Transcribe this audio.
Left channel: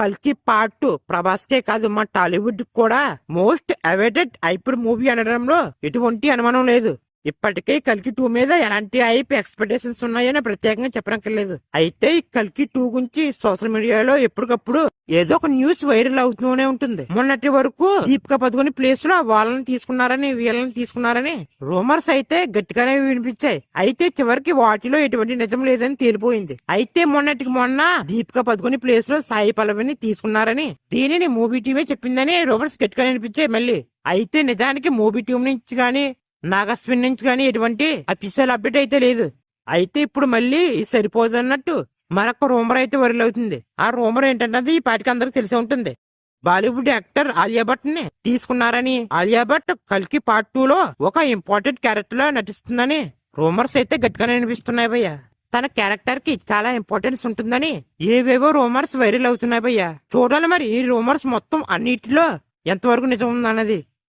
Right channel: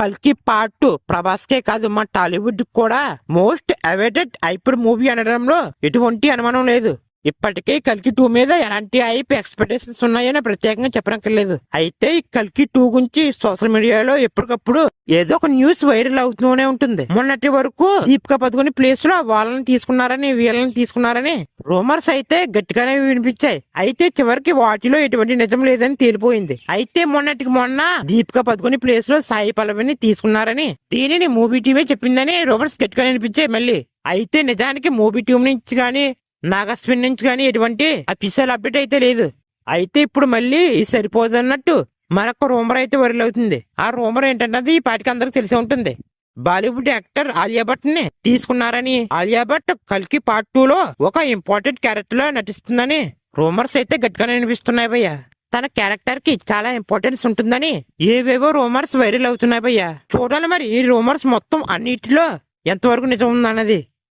కల్కి పార్ట్ 2 ప్రభాస్ కే కాదు మా టాలీవుడ్ కూడా మోస్ట్ అవైటెడ్ హైపర్ మూవీ అనడంలో ఎటువంటి అనుమానం లేదు. ఇప్పటికే కల్కి 2 మీద ఎలాంటి హైప్ ఎక్స్పెక్టేషన్స్ ఉన్నాయని ప్రత్యేకంగా చెప్పనక్కర్లేదు. అయితే ఈ కల్కి 2 గురించి సోషల్ మీడియాలో ఎప్పటికప్పుడు ఏదో ఒక న్యూస్ వైరల్ అవుతూనే ఉంటుంది. మొన్నటి వరకు దీపికా పదుకొని ప్లేస్ లో వాళ్ళని తీసుకున్నారని వీళ్ళని తీసుకున్నారని రూమర్స్ అయితే గట్టిగానే వినిపించాయి. అయితే చివరికి వాటిలో ఎటువంటి నిజం లేదని తేలిపోయింది. అయితే మొన్నటికి మొన్న దీపికా పదుకొని ప్లేస్ లో సాయి పల్లవిని తీసుకున్నారని దీనిని మూవీ టీమే చెప్పిందని రూమర్స్ గట్టిగా వినిపించాయి మళ్ళీ. అయితే నిజానికి మూవీ టీం నుంచి గానీ నాగస్విన్ నుంచి కానీ ఎటువంటి అఫీషియల్ అప్డేట్ అయితే లేదు. అయితే ఇప్పుడు మళ్ళీ సరిపోదన్నట్టు మరొక రూమర్ అయితే వైరల్ అవుతుంది. ఆ రూమర్ ఏంటన్నది ఈ పాటికి అందరికి తెలిసి ఉంటుంది. బాలీవుడ్ యాక్టర్ ఆలియా భట్ ని తీసుకున్నారని, ఆలియా భట్ కల్కి పార్ట్ 2 లో ఒక ఇంపార్టెంట్ క్యారెక్టర్ లో నటిస్తుందని రూమర్స్ అయితే గట్టిగానే వినిపిస్తున్నాయి భయ్య. తన క్యారెక్టర్ కి చాలా ఇంపార్టెన్స్ ఉంటుందని ఏవేవో రూమర్స్ వైరల్ అవుతున్నాయి భయ్య. చూడాలి మరి ఈ రూమర్స్ మొత్తం అన్నిటిలో ఎంతవరకు నిజం ఉందన్నది.